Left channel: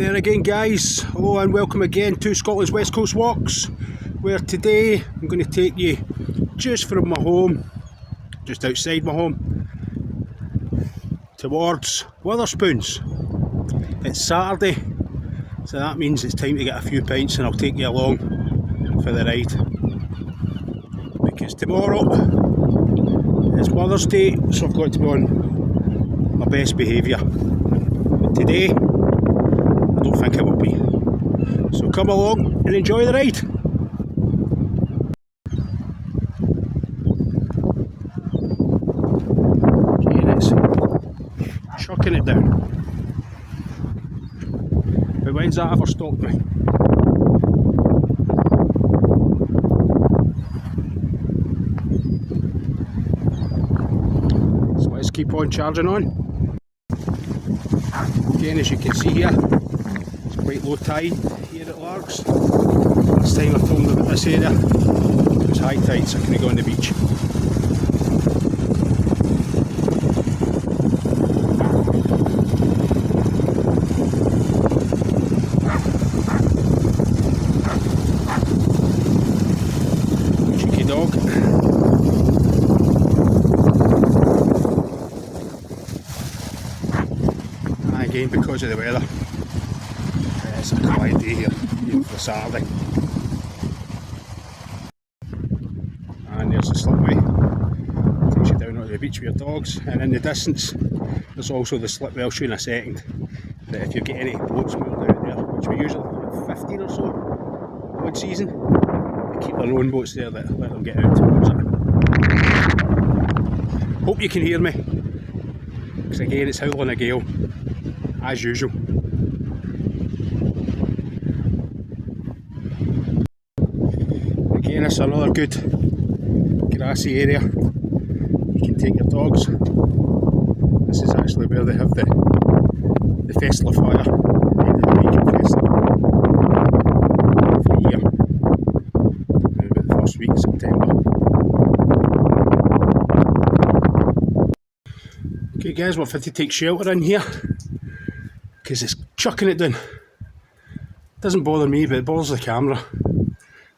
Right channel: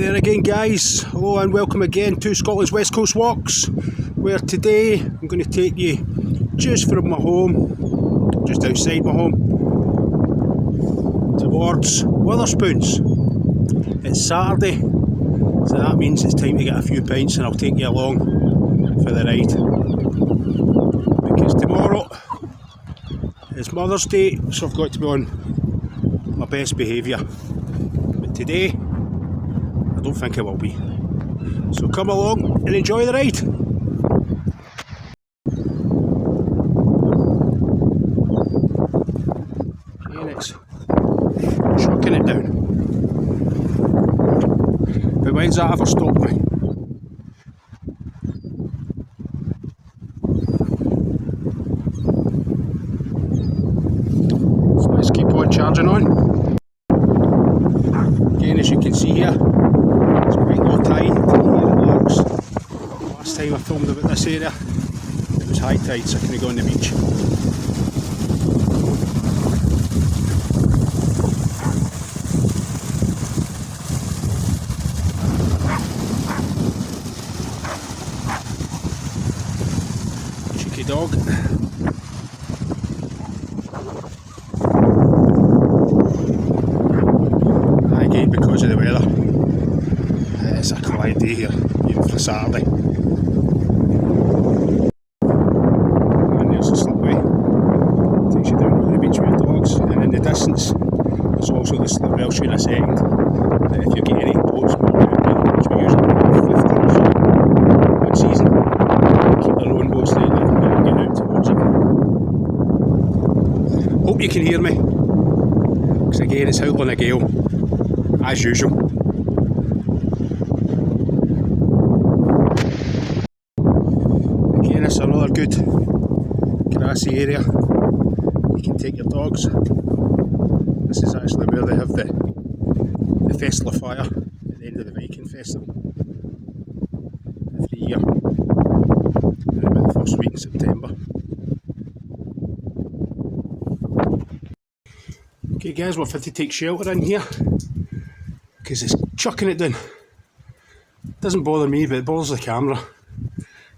there again, guys. Hello and welcome again to Scotland's West Coast Walks, where today I'm going to take you just from my home, just outside my home, towards Wetherspoons. It's Saturday, so that means it's time to get a few pints, and I'll take you along for the ride, because tomorrow is Mother's Day, so I've got to be on my best behaviour. But today, I don't think I will be. So come along and enjoy the ride. And it's chucking it down. But when's that ever stopped me? So let's keep on charging on. Again, as you can see here, it's quite low tide here at Largs. Last time I filmed about this area, it was high tide, so I couldn't go on the beach. Cheeky dog. And again, because of the weather, it's a quiet day here, even for Saturday. And there's the slipway, takes you down to the beach with your dogs, and in the distance there's also the slipway. I'll show you in a second, that if you get any boats moving out there, which we usually have 15 or so one season, they keep their own boats there that let them get out towards it. Hope you can hear me, because again it's howling a gale, as usual. Again, it's another good grassy area. You can take your dogs. This is actually where they have the festival fire at the end of the weekend festival every year, about the first week in September. Okay guys, we've had to take shelter in here because it's chucking it down. Doesn't bother me, but it bothers the camera.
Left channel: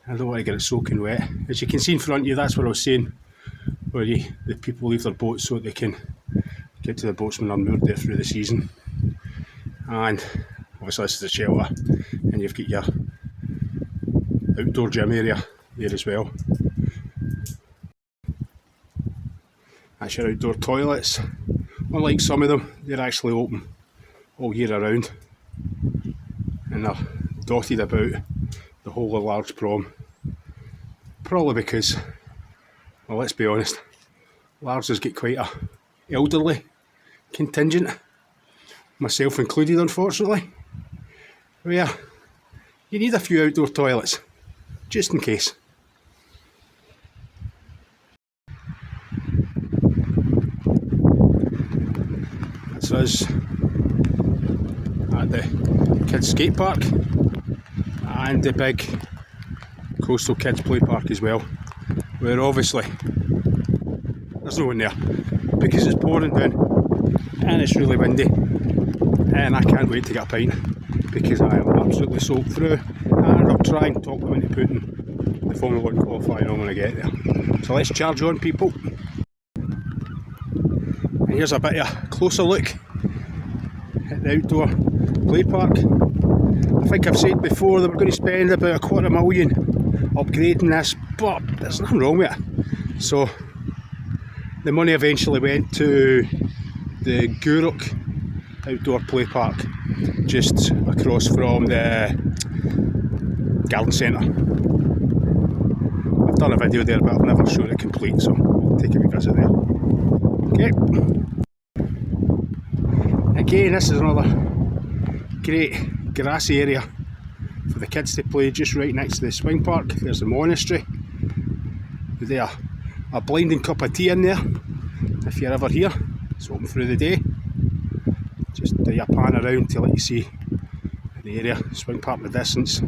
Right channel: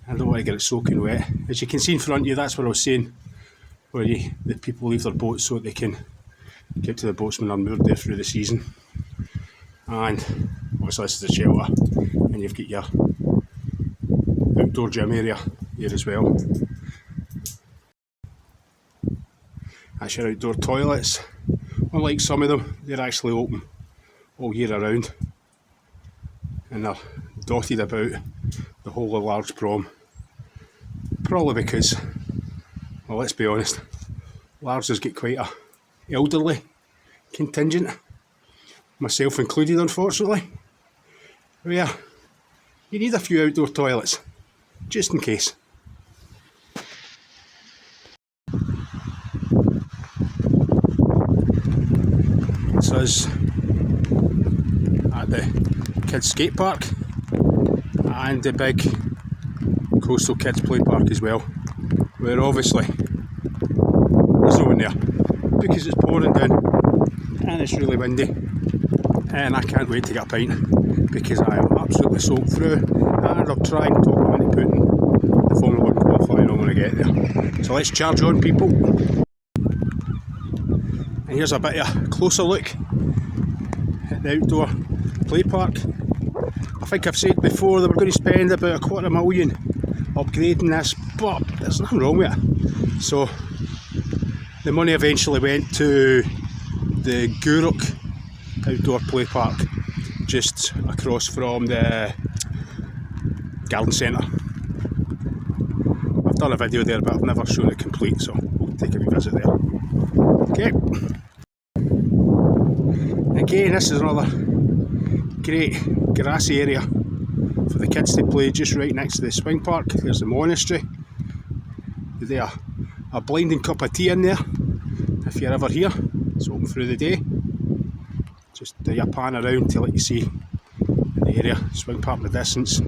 I don't want to get it soaking wet. As you can see in front of you, that's what I was saying, where the people leave their boats so that they can get to the boats when they're moored there through the season. And obviously this is the shelter, and you've got your outdoor gym area there as well. That's your outdoor toilets. Unlike some of them, they're actually open all year around, and they're dotted about the whole of Largs Prom. Probably because, well, let's be honest, Largs has got quite a elderly contingent, myself included, unfortunately, where you need a few outdoor toilets, just in case. This is at the kids skate park and the big coastal kids play park as well, where obviously there's no one there because it's pouring down and it's really windy, and I can't wait to get a pint because I am absolutely soaked through, and I'll try and talk them into putting the Formula 1 qualifying on when I get there. So let's charge on, people. And here's a bit of a closer look at the outdoor play park. I think I've said before that we're going to spend about $250,000 upgrading this, but there's nothing wrong with it. So the money eventually went to the Guruk outdoor play park, just across from the garden centre. I've done a video there, but I've never shown it complete, so we'll take a wee visit there. Okay. Again, this is another great grassy area for the kids to play, just right next to the swing park. There's the monastery. There's a blinding cup of tea in there if you're ever here. It's open through the day. Just do your pan around to let you see the area, swing park in the distance.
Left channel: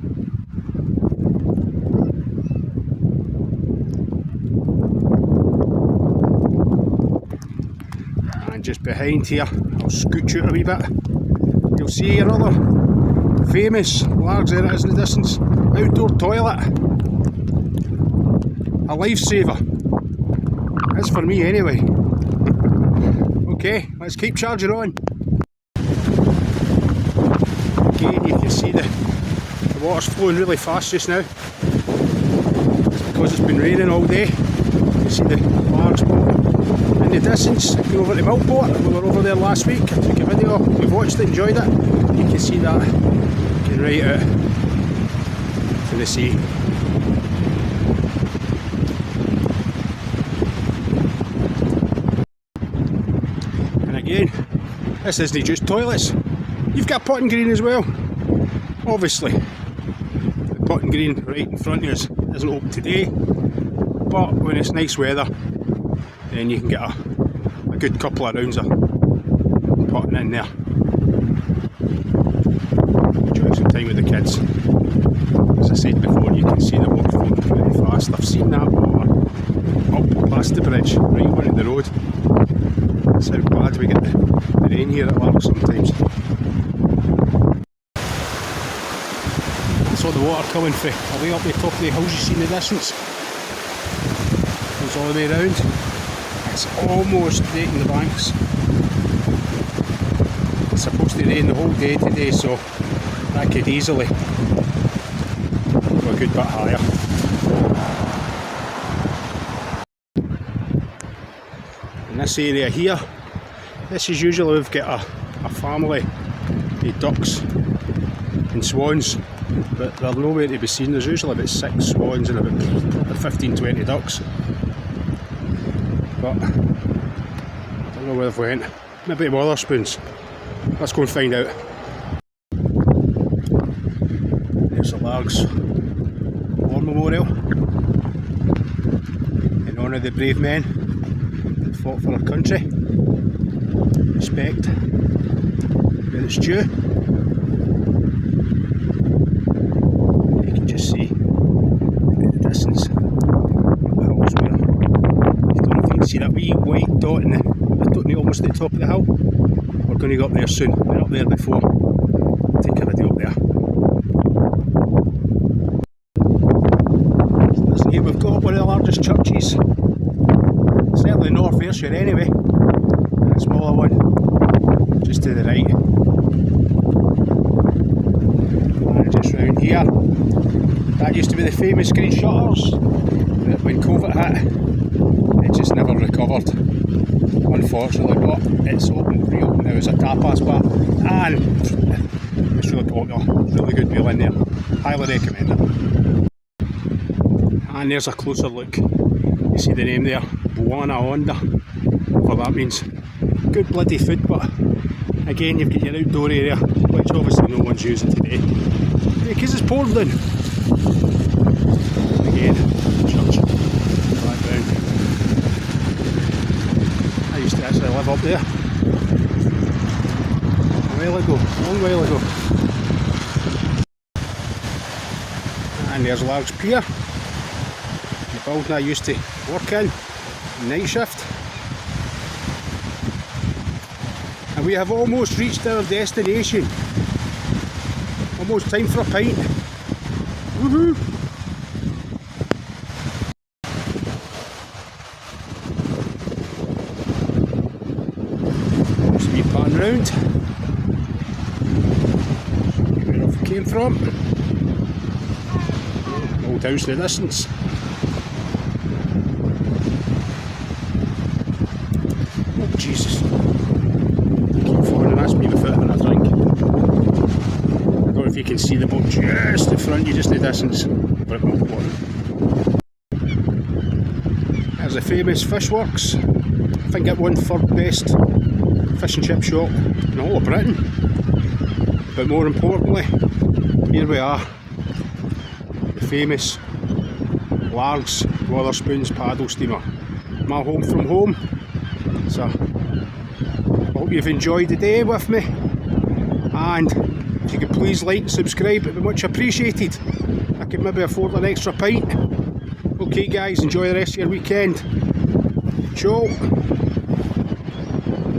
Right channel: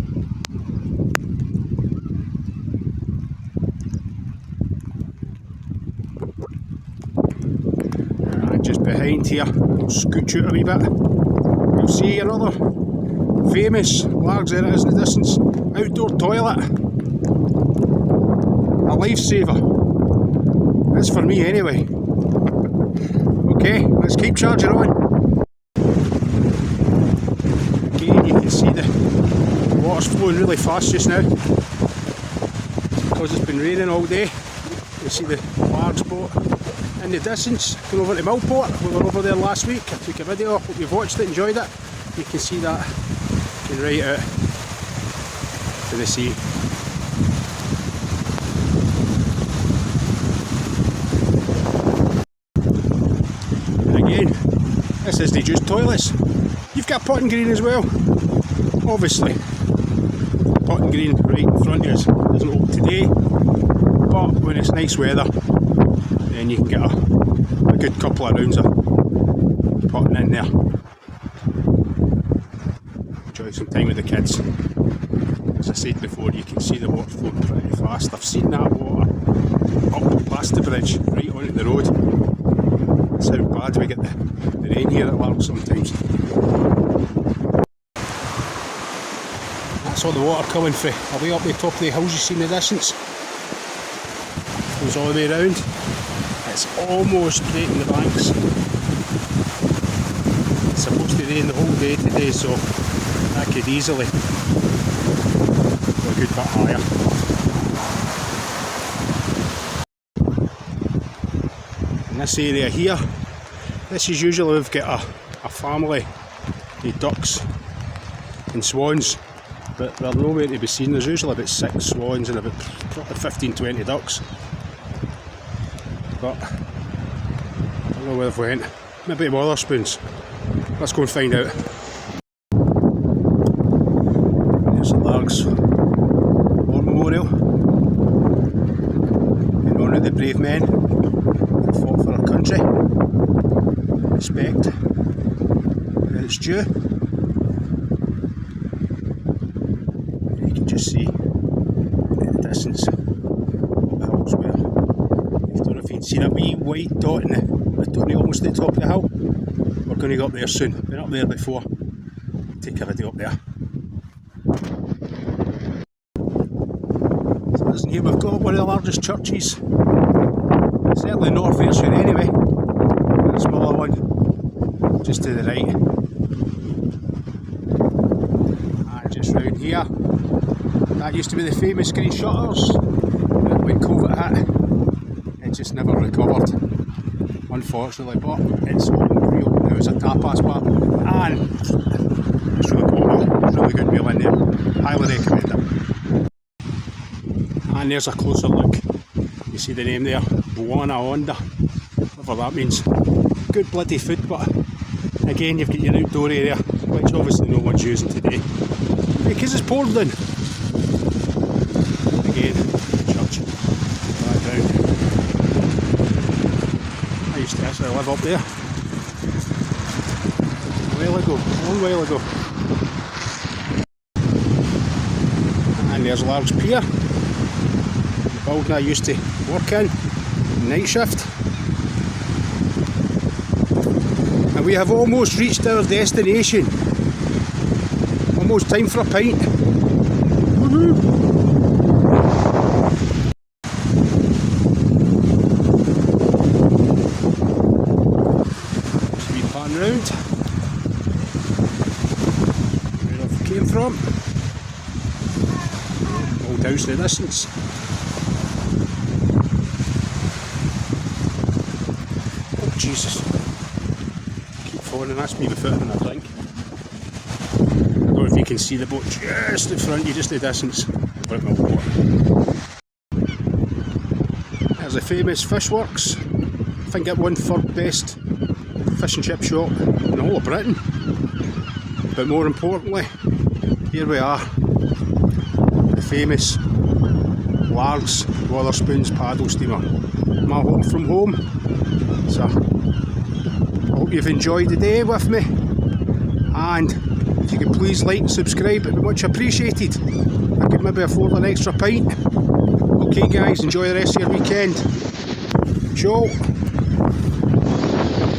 And just behind here, I'll scooch out a wee bit, you'll see another famous largs, there it is in the distance, outdoor toilet. A lifesaver. That's for me anyway. Okay, let's keep charging on. Again, you can see the water's flowing really fast just now because it's been raining all day. You see the large boat in the distance going over to Millport. We were over there last week. I took a video, hope you've watched it, enjoyed it. You can see that going right out to the sea. And again, this isn't just toilets. You've got potting green as well. Obviously, potting green right in front of us isn't open today, but when it's nice weather, then you can get a good couple of rounds of potting in there. Enjoy some time with the kids. As I said before, you can see the water flowing pretty fast. I've seen that water up past the bridge, right onto the road. That's how bad we get the rain here at Largs sometimes. That's all the water coming from away up the top of the hills you see in the distance. Goes all the way around. It's almost breaking the banks. It's supposed to rain the whole day today, so that could easily go a good bit higher. In this area here, this is usually we've got a family of ducks and swans, but they're nowhere to be seen. There's usually about 6 swans and about probably 15-20 ducks. But I don't know where they've went. Maybe wetherspoons. Let's go and find out. There's the Largs War Memorial in honour of the brave men that fought for our country. Respect where it's due. You can just see in the distance the hills where. I don't know if you can see that wee white dot in the almost at the top of the hill. We're going to go up there soon. Been up there before. Take a video up there. So listen here, we've got one of the largest churches, certainly North Ayrshire anyway. A smaller one just to the right. And just round here, that used to be the famous green shutters, but when COVID hit, it just never recovered, unfortunately, but it's reopened now as a tapas bar, and it's really cool, really good meal in there, highly recommend it. And there's a closer look, you see the name there, Buona Onda, whatever that means. Good bloody food, but again you've got your outdoor area, which obviously no one's using today, because it's poured in. Again, church, background. I used to actually live up there a while ago, a long while ago. And there's Largs Pier, the building I used to work in, night shift. And we have almost reached our destination. Almost time for a pint. Woohoo! Just a wee pan round. Where I came from. Old house in the distance. Oh Jesus. Keep falling, and that's me with foot having a drink. I don't know if you can see the boat just in front of you, just in the distance. Over at Millport. There's the famous Fish Works. I think it won for best fish and chip shop in the whole of Britain. But more importantly, here we are. The famous Largs Wetherspoons paddle steamer. My home from home. So I hope you've enjoyed the day with me, and if you could please like and subscribe, it'd be much appreciated. I could maybe afford an extra pint. Okay guys, enjoy the rest of your weekend. Ciao.